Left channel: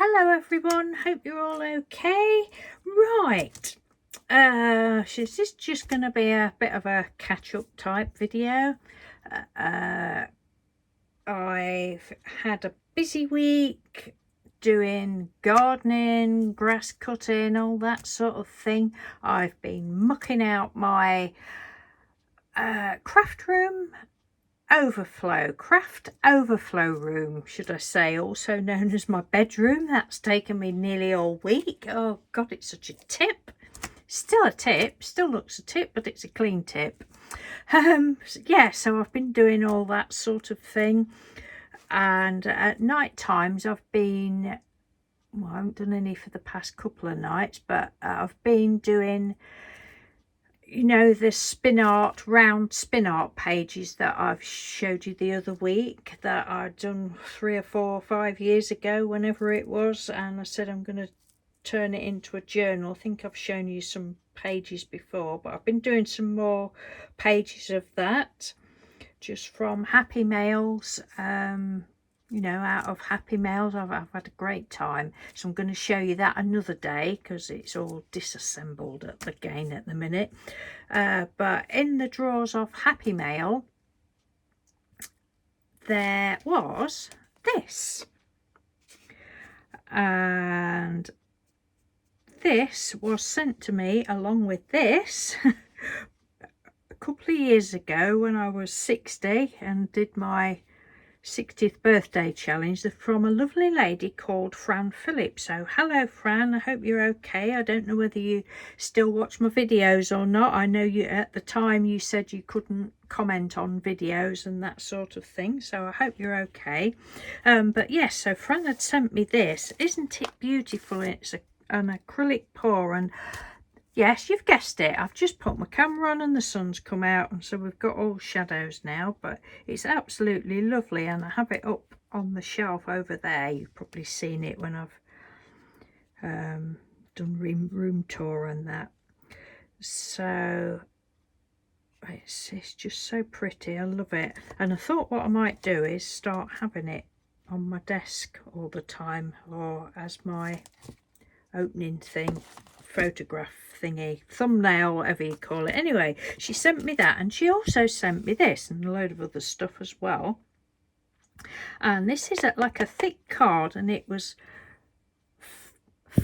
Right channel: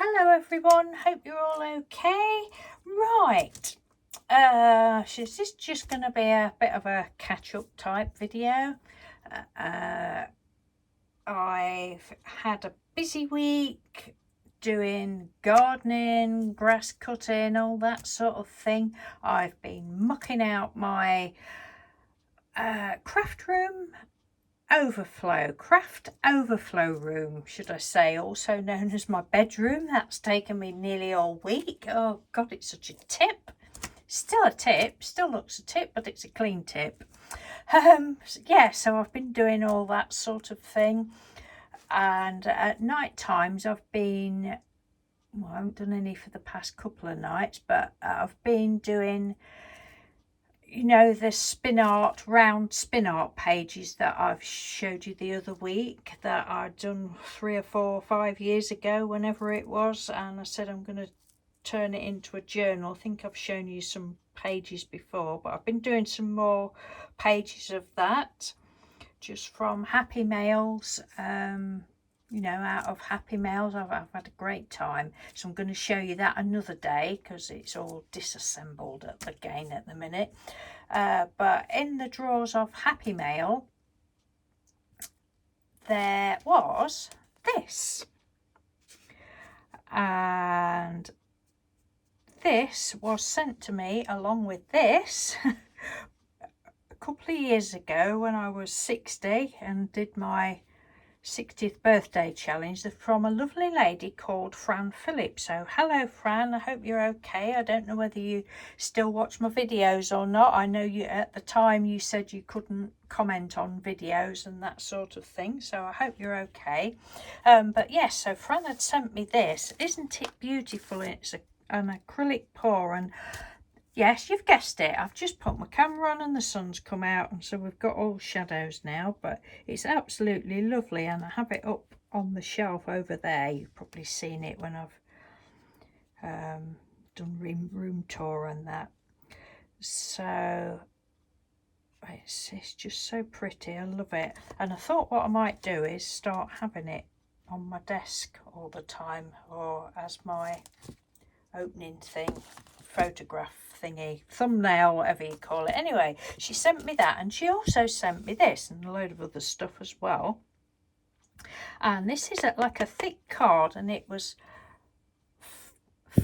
Hello everyone, hope you're all okay. Right, this is just going to be a bit of a catch-up type video. I've had a busy week doing gardening, grass cutting, all that sort of thing. I've been mucking out my craft overflow room, should I say, also known as my bedroom. That's taken me nearly all week. Oh god, it's such a tip. Still a tip, still looks a tip, but it's a clean tip. Yeah, so I've been doing all that sort of thing, and at night times I haven't done any for the past couple of nights, but I've been doing, you know, the round spin art pages that I've showed you the other week that I'd done 3 or 4 or 5 years ago, whenever it was, and I said I'm going to turn it into a journal. I think I've shown you some pages before, but I've been doing some more pages of that just from happy mails. You know, out of happy mails. I've had a great time, so I'm going to show you that another day because it's all disassembled again at the minute. But in the drawers of happy mail there was this, and this was sent to me along with this a couple of years ago when I was 60 and did my 60th birthday challenge from a lovely lady called Fran Phillips. So hello Fran, I hope you're okay. I don't know whether you still watch my videos or not. I know you at the time you said you couldn't comment on videos and that sort of thing, so I hope you're okay. But yes, so Fran had sent me this. Isn't it beautiful? It's an acrylic pour, and yes, you've guessed it, I've just put my camera on and the sun's come out, and so we've got all shadows now, but it's absolutely lovely, and I have it up on the shelf over there. You've probably seen it when I've done room tour and that. So it's just so pretty, I love it, and I thought what I might do is start having it on my desk all the time, or as my opening thing, photograph thingy, thumbnail, whatever you call it. Anyway, she sent me that, and she also sent me this and a load of other stuff as well. And this is like a thick card, and it was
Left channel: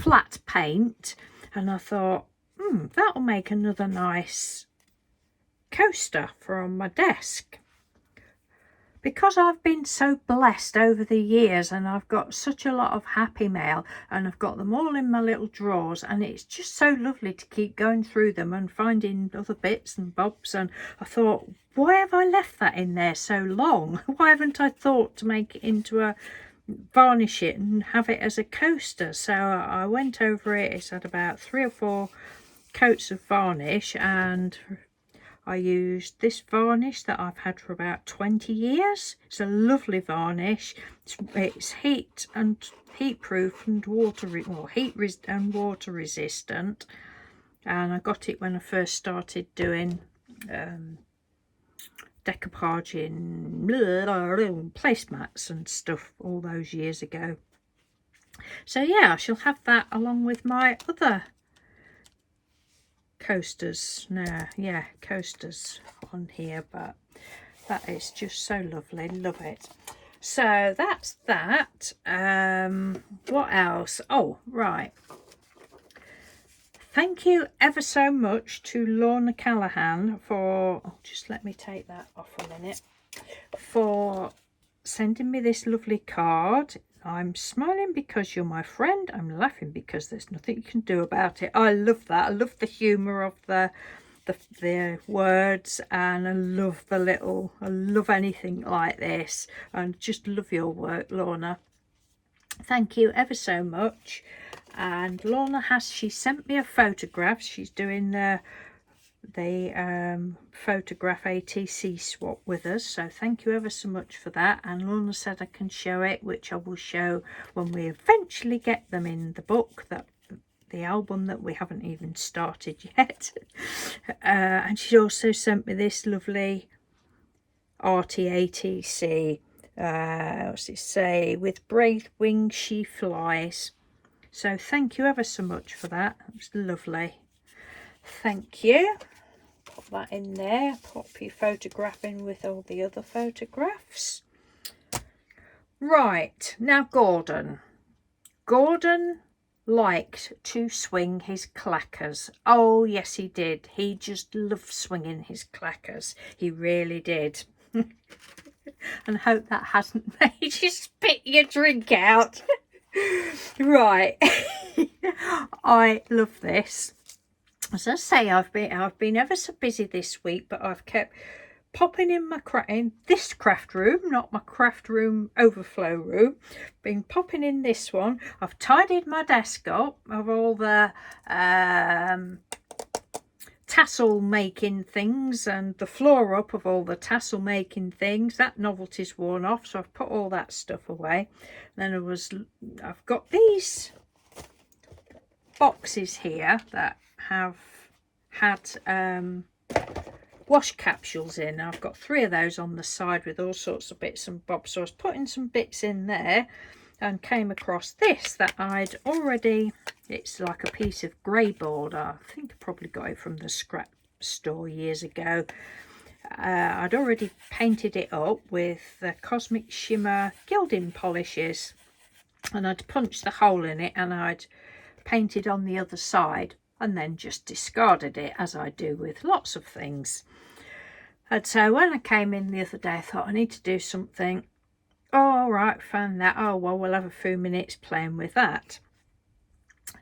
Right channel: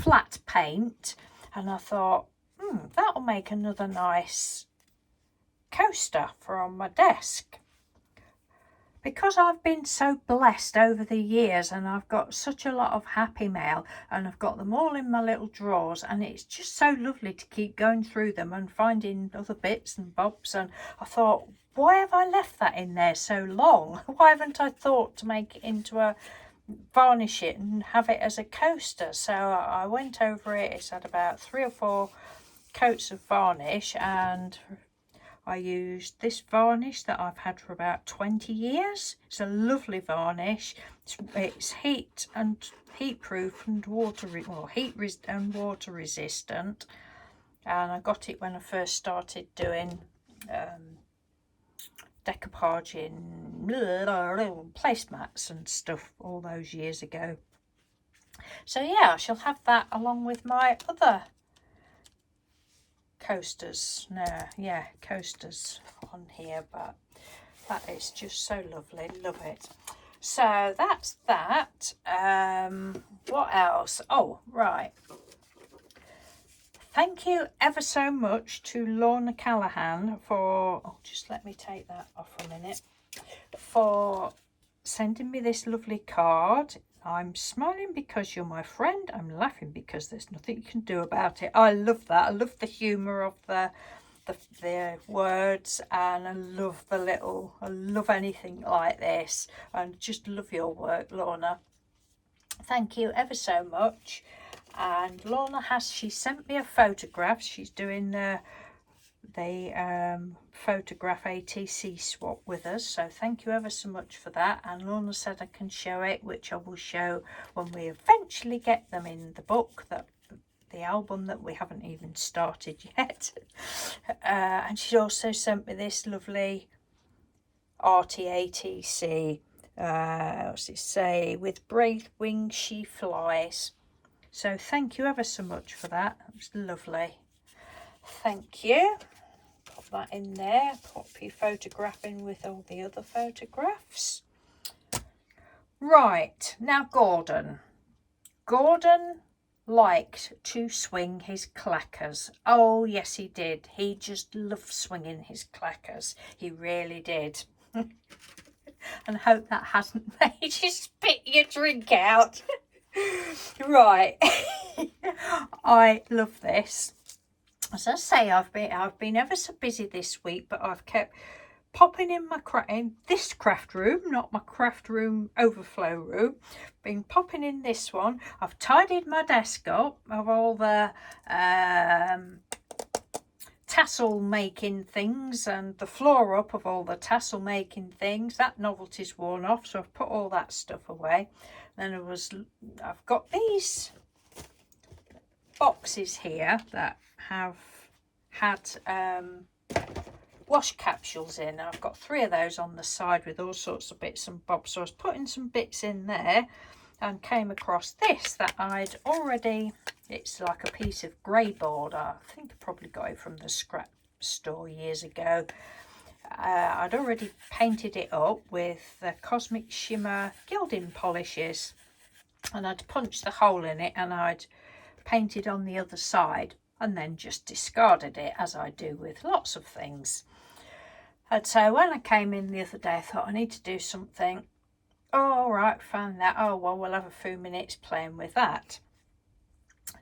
flat paint, and I thought, that'll make another nice coaster for on my desk. Because I've been so blessed over the years, and I've got such a lot of happy mail, and I've got them all in my little drawers, and it's just so lovely to keep going through them and finding other bits and bobs. And I thought, why have I left that in there so long? Why haven't I thought to make it into a varnish it and have it as a coaster? So I went over it. It's had about 3 or 4 coats of varnish, and I used this varnish that I've had for about 20 years. It's a lovely varnish. It's heat proof and water resistant. And I got it when I first started doing decoupaging placemats and stuff all those years ago. So yeah, I shall have that along with my other coasters. Coasters on here, but that is just so lovely, love it. So that's that. What else? Oh right, thank you ever so much to Lorna Callahan for just let me take that off a minute, for sending me this lovely card. I'm smiling because you're my friend. I'm laughing because there's nothing you can do about it. I love that. I love the humour of the words, and I love anything like this. I just love your work, Lorna. Thank you ever so much. And Lorna she sent me a photograph. She's doing the photograph ATC swap with us, so thank you ever so much for that. And Lorna said I can show it, which I will show when we eventually get them in the book, that the album that we haven't even started yet. And she also sent me this lovely arty ATC What's it say? With brave wings she flies. So thank you ever so much for that. It was lovely. Thank you. Put that in there. Pop your photograph in with all the other photographs. Right, now Gordon. Gordon liked to swing his clackers. Oh yes he did. He just loved swinging his clackers. He really did. And hope that hasn't made you spit your drink out. Right. I love this. As I say, I've been ever so busy this week, but I've kept popping in this craft room, not my craft room overflow room. Been popping in this one. I've tidied my desk up of all the tassel making things, and the floor up of all the tassel making things. That novelty's worn off, so I've put all that stuff away. Then I've got these boxes here that have had wash capsules in. I've got 3 of those on the side with all sorts of bits and bobs, so I was putting some bits in there and came across this that I'd already, it's like a piece of grey board. I think I probably got it from the scrap store years ago. I'd already painted it up with the Cosmic Shimmer gilding polishes, and I'd punched the hole in it and I'd painted on the other side and then just discarded it, as I do with lots of things. And so when I came in the other day, I thought I need to do something. Oh, all right, found that. Oh, well, we'll have a few minutes playing with that.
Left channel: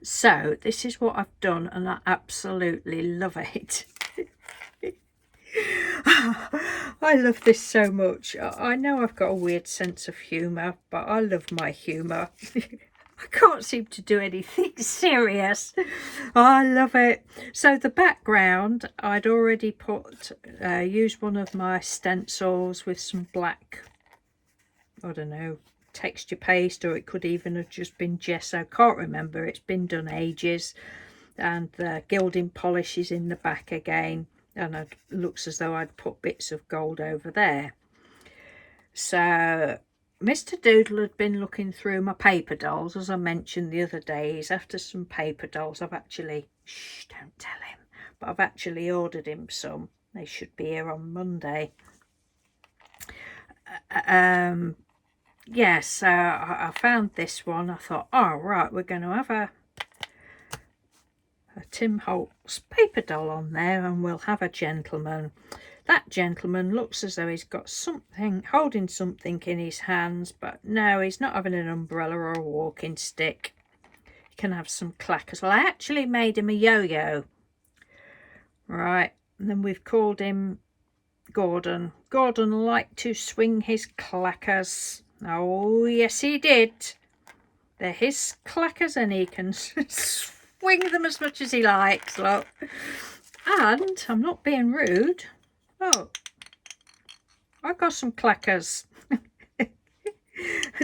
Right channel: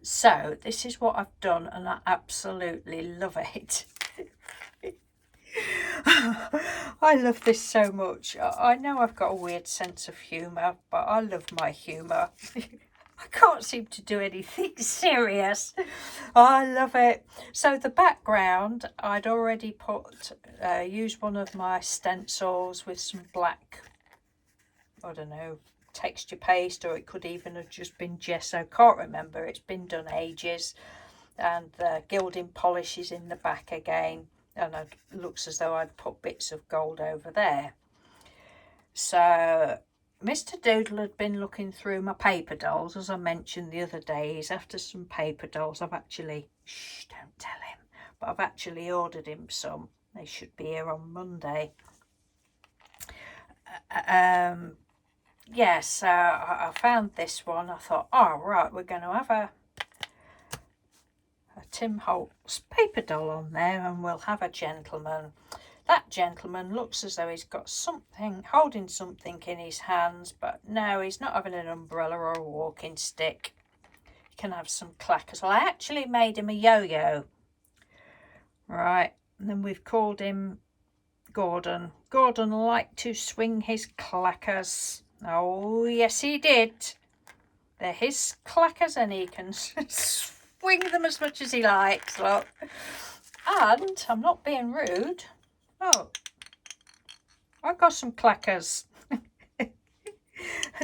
So this is what I've done, and I absolutely love it. I love this so much. I know I've got a weird sense of humour, but I love my humour. I can't seem to do anything serious. I love it. So the background, I'd already used one of my stencils with some black, I don't know, texture paste, or it could even have just been gesso. Can't remember. It's been done ages. And the gilding polish is in the back again, and it looks as though I'd put bits of gold over there. So Mr. Doodle had been looking through my paper dolls, as I mentioned the other day. He's after some paper dolls. I've actually, shh, don't tell him, but I've actually ordered him some. They should be here on Monday. Yes, I found this one. I thought, oh right, we're going to have a Tim Holtz paper doll on there, and we'll have a gentleman. That gentleman looks as though he's got something, holding something in his hands, but no, he's not having an umbrella or a walking stick. He can have some clackers. Well, I actually made him a yo-yo. Right, and then we've called him Gordon. Gordon liked to swing his clackers. Oh, yes, he did. They're his clackers, and he can swing them as much as he likes, look. And I'm not being rude. Oh, I got some clackers.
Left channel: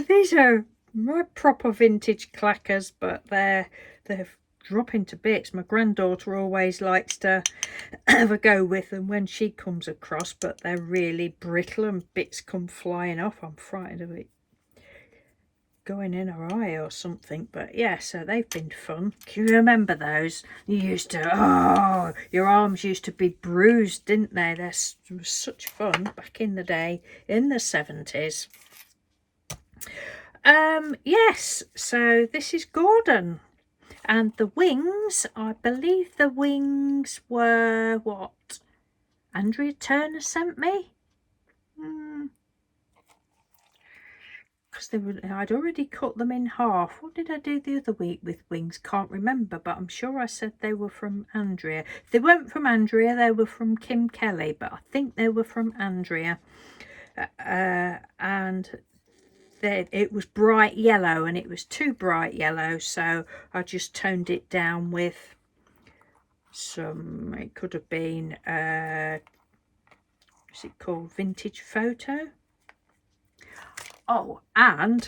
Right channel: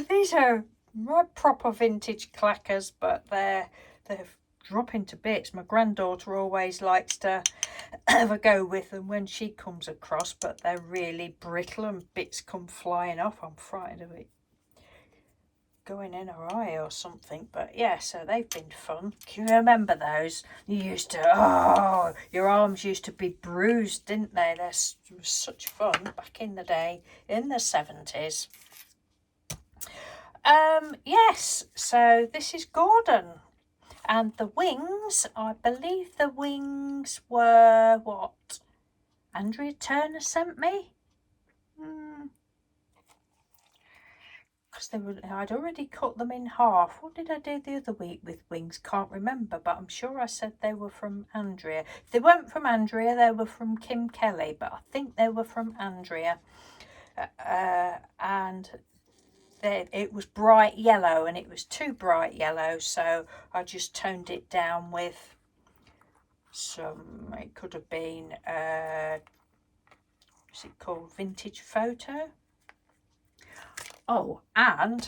These are my proper vintage clackers, but they're dropping to bits. My granddaughter always likes to have a go with them when she comes across, but they're really brittle and bits come flying off. I'm frightened of it going in her eye or something. But yeah, so they've been fun. Can you remember those? You used to, oh, your arms used to be bruised, didn't they? It was such fun back in the day, in the 70s. Yes, so this is Gordon, and the wings, I believe the wings were what Andrea Turner sent me. I'd already cut them in half. What did I do the other week with wings? Can't remember, but I'm sure I said they were from Andrea. If they weren't from Andrea, they were from Kim Kelly, but I think they were from Andrea. And it was bright yellow, and it was too bright yellow, so I just toned it down with some, it could have been, what's it called, Vintage Photo. Oh, and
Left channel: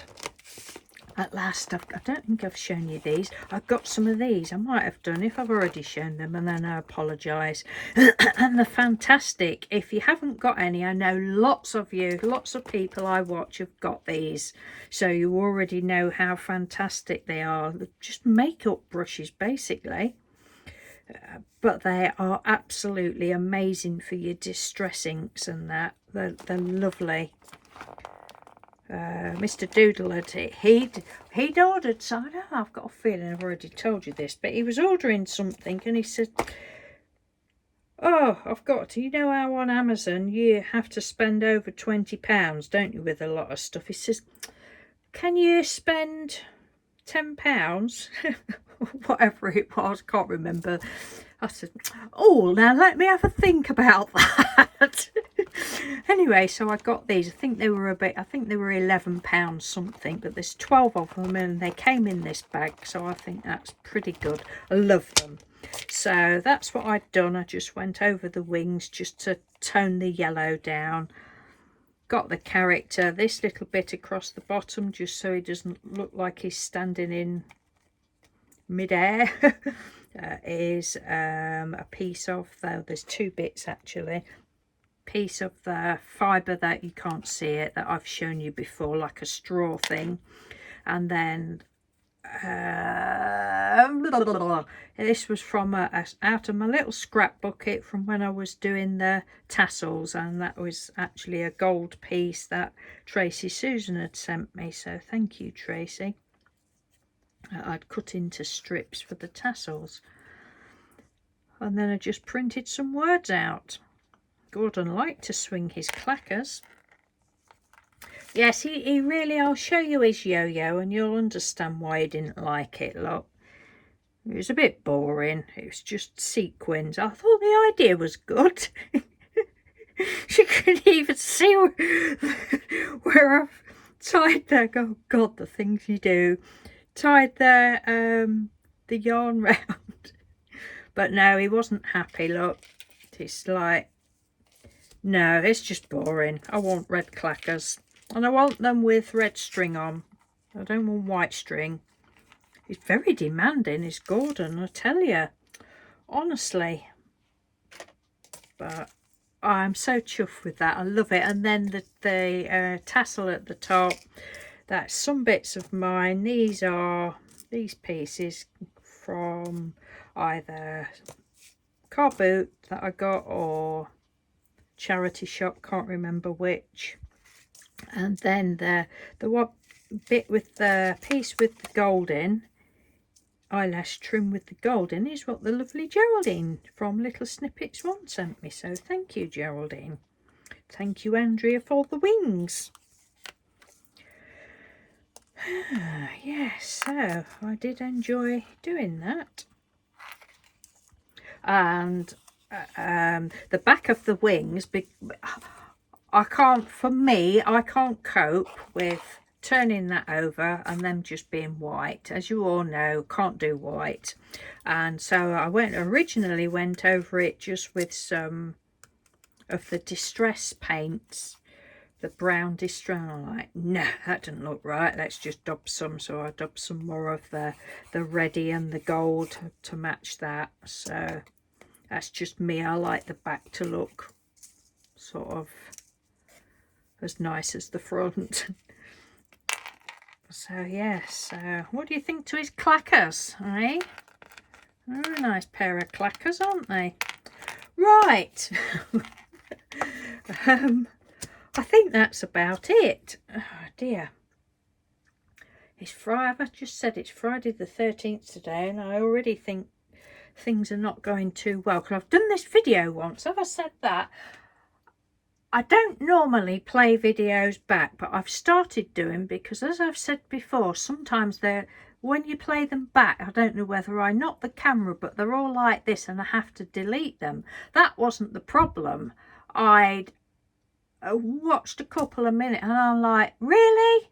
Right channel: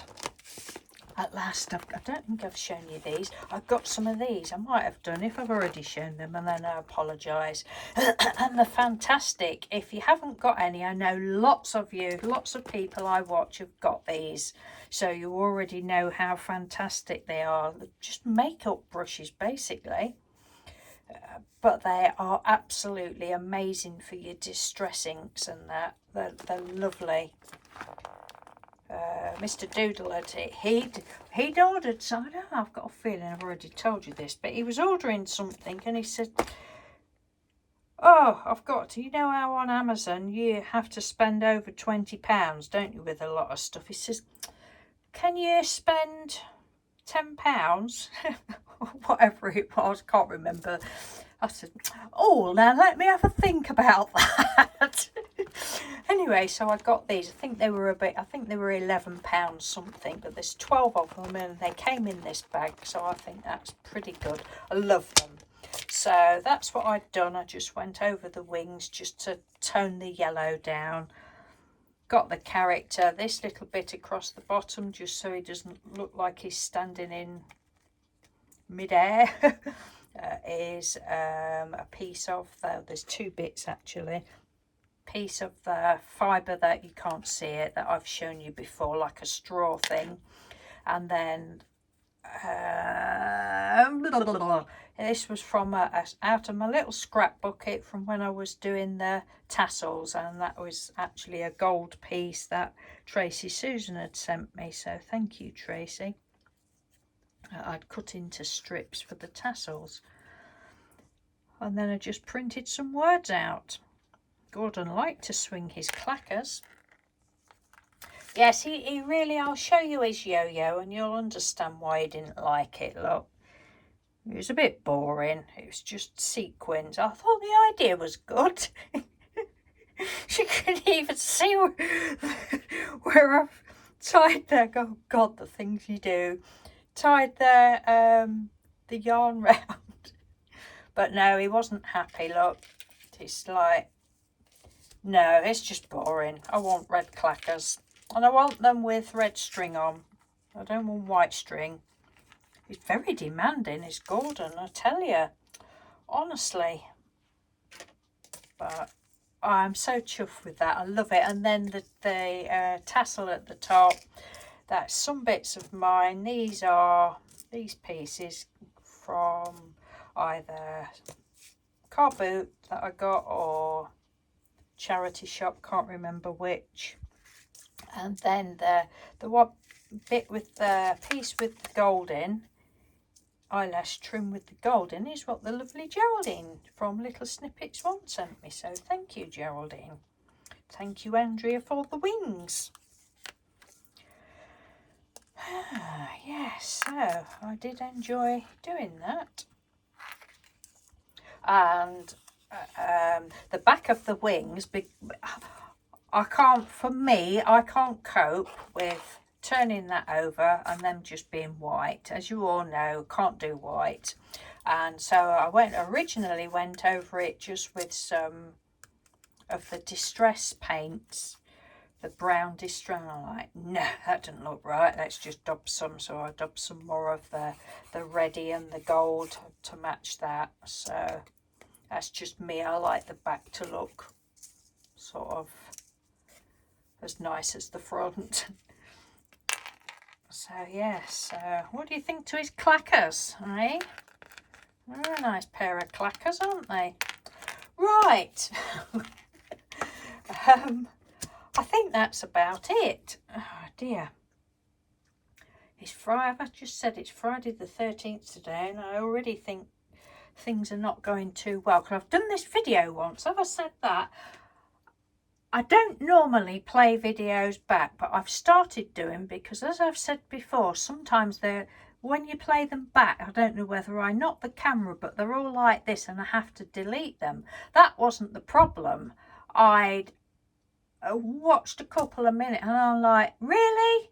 at last, I don't think I've shown you these. I've got some of these. I might have done if I've already shown them, and then I apologise. And they're fantastic. If you haven't got any, I know lots of you, lots of people I watch have got these. So you already know how fantastic they are. They're just makeup brushes, basically. But they are absolutely amazing for your distress inks and that. They're lovely. Mr. Doodle he'd ordered, so I don't know, I've got a feeling I've already told you this, but he was ordering something and he said, oh, I've got to, you know how on Amazon you have to spend over £20, don't you, with a lot of stuff. He says, can you spend £10? Whatever it was, can't remember. I said, oh, now let me have a think about that. Anyway, so I got these. I think they were £11 something, but there's 12 of them and they came in this bag, so I think that's pretty good. I love them. So that's what I'd done. I just went over the wings just to tone the yellow down. Got the character, this little bit across the bottom, just so he doesn't look like he's standing in mid-air. Is a piece of there's two bits actually, piece of the fibre that you can't see it, that I've shown you before, like a straw thing, and then this was from out of my little scrap bucket from when I was doing the tassels, and that was actually a gold piece that Tracy Susan had sent me, so thank you, Tracy. I'd cut into strips for the tassels. And then I just printed some words out. Gordon liked to swing his clackers. Yes, he really, I'll show you his yo-yo and you'll understand why he didn't like it, look. It was a bit boring. It was just sequins. I thought the idea was good. She couldn't even see where I've tied there. Oh God, the things you do. Tied the yarn round. But no, he wasn't happy, look. It's like, no, it's just boring. I want red clackers. And I want them with red string on. I don't want white string. He's very demanding, is Gordon, I tell you. Honestly. But I'm so chuffed with that. I love it. And then the tassel at the top. That's some bits of mine. These are these pieces from either car boot that I got or charity shop, can't remember which. And then the what bit with the piece with the gold in, eyelash trim with the gold in, is what the lovely Geraldine from Little Snippets One sent me, so thank you, Geraldine. Thank you, Andrea, for the wings. Yes, so I did enjoy doing that. And the back of the wings, I can't cope with turning that over and them just being white. As you all know, can't do white. And so I originally went over it just with some of the distress paints, the brown distress. I'm like, no, that doesn't look right, let's just dub some. So I dubbed some more of the reddy and the gold to match that. So that's just me. I like the back to look sort of as nice as the front. So yes, what do you think to his clackers, eh? They're a nice pair of clackers, aren't they? Right. I think that's about it. Oh dear. It's Friday. I've just said it's Friday the 13th today, and I already think things are not going too well. Because I've done this video once. Have I said that? I don't normally play videos back, but I've started doing, because as I've said before, sometimes when you play them back, I don't know whether I knock the camera, but they're all like this and I have to delete them. That wasn't the problem. I'd watched a couple of minutes and I'm like, really?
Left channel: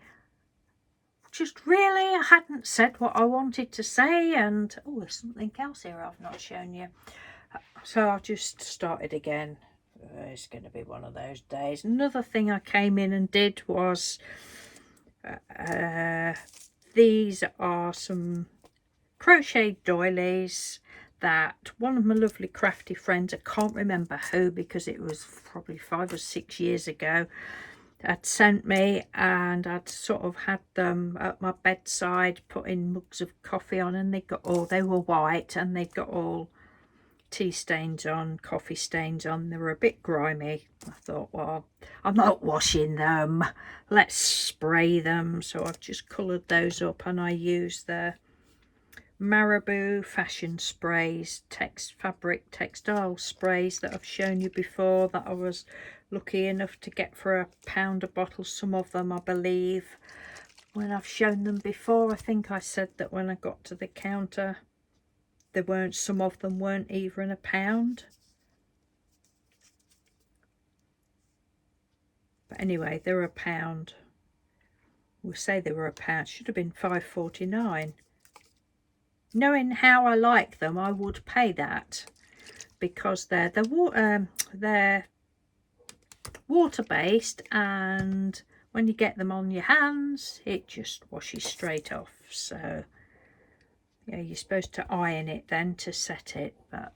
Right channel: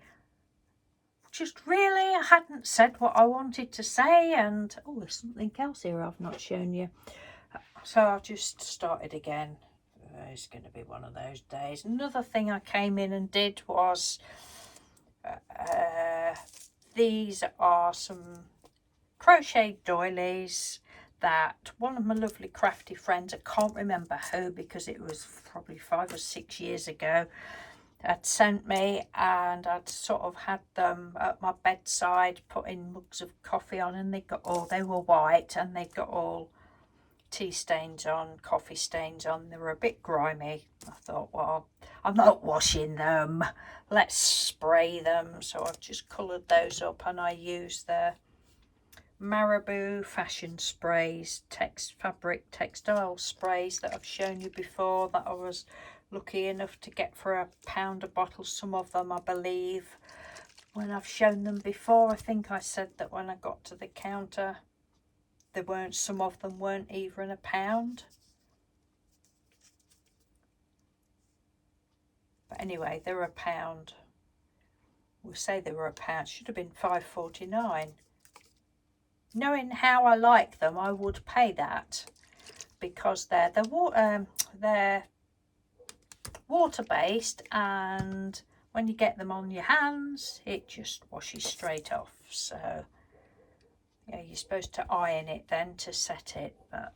Just really? I hadn't said what I wanted to say, and oh, there's something else here I've not shown you. So I just started again. It's going to be one of those days. Another thing I came in and did was these are some crocheted doilies that one of my lovely crafty friends, I can't remember who because it was probably 5 or 6 years ago, had sent me, and I'd sort of had them at my bedside putting mugs of coffee on, and they were white and they'd got all tea stains on, coffee stains on. They were a bit grimy. I thought, well, I'm not washing them, let's spray them. So I've just coloured those up, and I used the Marabou fashion sprays, fabric textile sprays that I've shown you before, that I was lucky enough to get for £1 a bottle. Some of them, I believe, when I've shown them before, I think I said that when I got to the counter, some of them weren't even £1. But anyway, they're £1. We'll say they were £1. Should have been £5.49. Knowing how I like them, I would pay that, because they're water-based, and when you get them on your hands, it just washes straight off. So yeah, you're supposed to iron it then to set it. But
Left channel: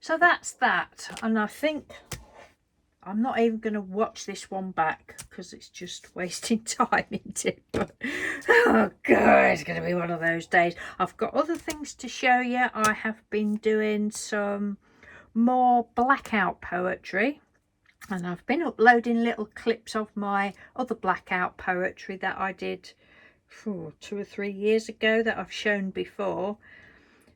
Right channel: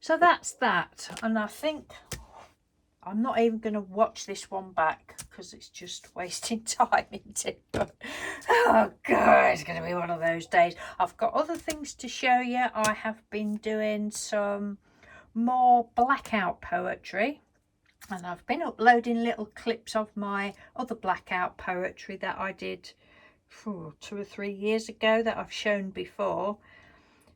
so that's that, and I think I'm not even going to watch this one back because it's just wasting time, isn't it? But, oh god, it's going to be one of those days. I've got other things to show you. I have been doing some more blackout poetry, and I've been uploading little clips of my other blackout poetry that I did 2 or 3 years ago that I've shown before.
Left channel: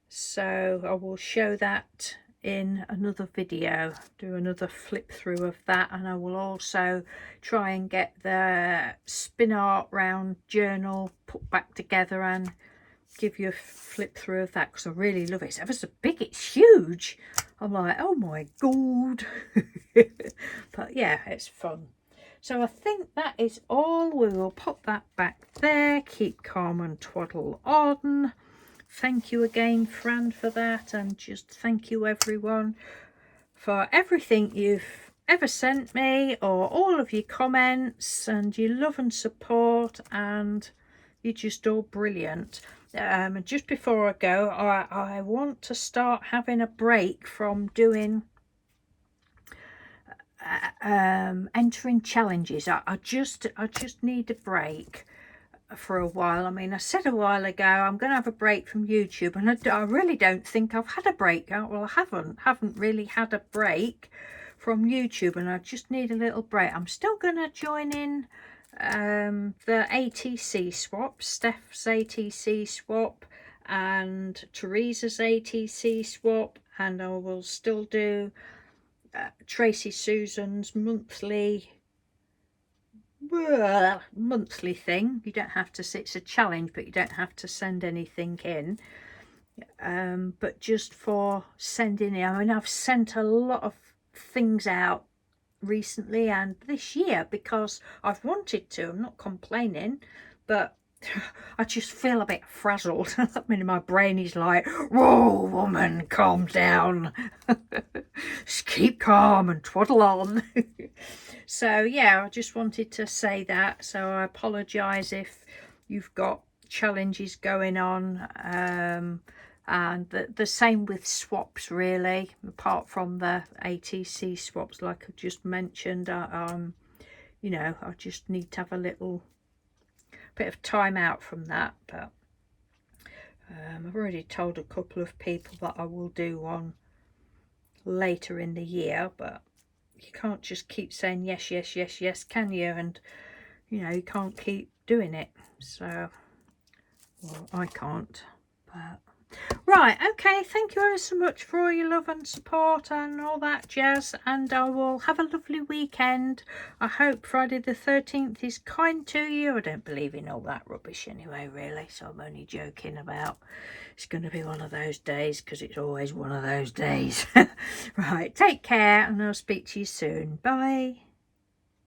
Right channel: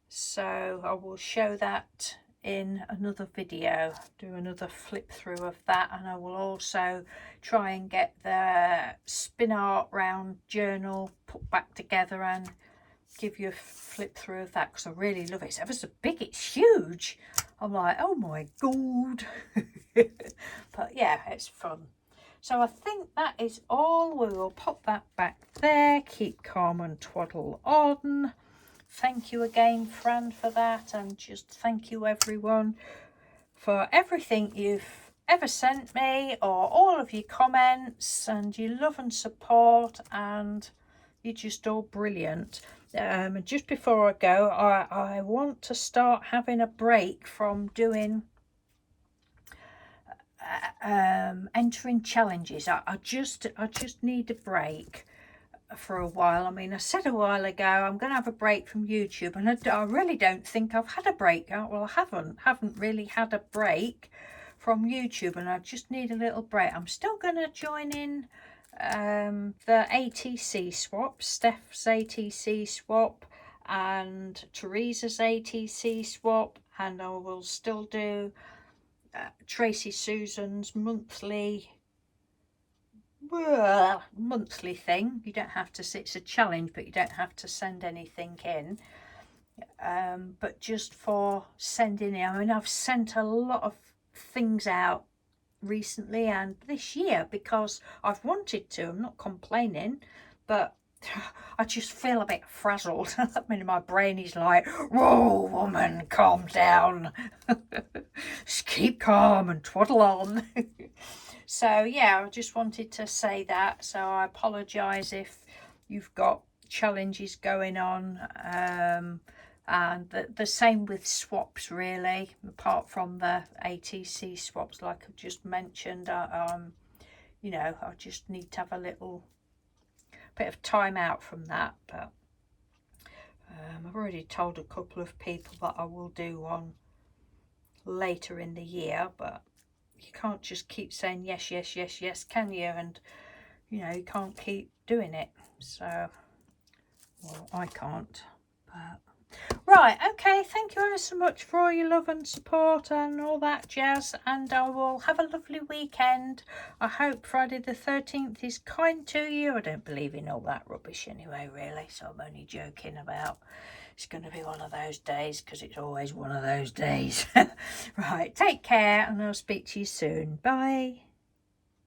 So I will show that in another video, do another flip through of that, and I will also try and get the spin art round journal put back together and give you a flip through of that, because I really love it. It's ever so big, it's huge. I'm like, oh my god. But yeah, it's fun. So I think that is all. We will pop that back there. Keep calm and twaddle on. Thank you again, Fran, for that, and just thank you everyone for everything you've ever sent me, or all of your comments and your love and support, and you're just all brilliant. And just before I go, I want to start having a break from doing entering challenges. I just need a break for a while. I mean, I said a while ago I'm going to have a break from YouTube, and I really don't think I've had a break. Well, I haven't really had a break from YouTube, and I just need a little break. I'm still going to join in the ATC swap, Steph's ATC swap and Teresa's ATC swap, and I will still do Tracy Susan's monthly thing. You don't have to, it's a challenge, but you don't have to send anything in, but just for sending in. I mean, I've sent a lot of things out recently and this year because I've wanted to. I'm not complaining, but I just feel a bit frazzled. I mean, my brain is like, whoa, woman, calm down. Just keep calm and twaddle on. So yeah, I just wanted to say that. So I apologise if you've got challenges going on, and the same with swaps, really, apart from the ATC swaps like I just mentioned. You know, I just need to have a little bit of time out from that. But I've already told a couple of people that I will do one later in the year, but you can't just keep saying yes, yes, yes, yes, can you? And you know, you can't keep doing it. So, well, I can't. But right, okay, thank you ever so much for all your love and support and all that jazz, and I will have a lovely weekend. I hope Friday the 13th is kind to you. I don't believe in all that rubbish anyway, really, so I'm only joking about it's going to be one of those days, because it's always one of those days. Right, take care, and I'll speak to you soon. Bye.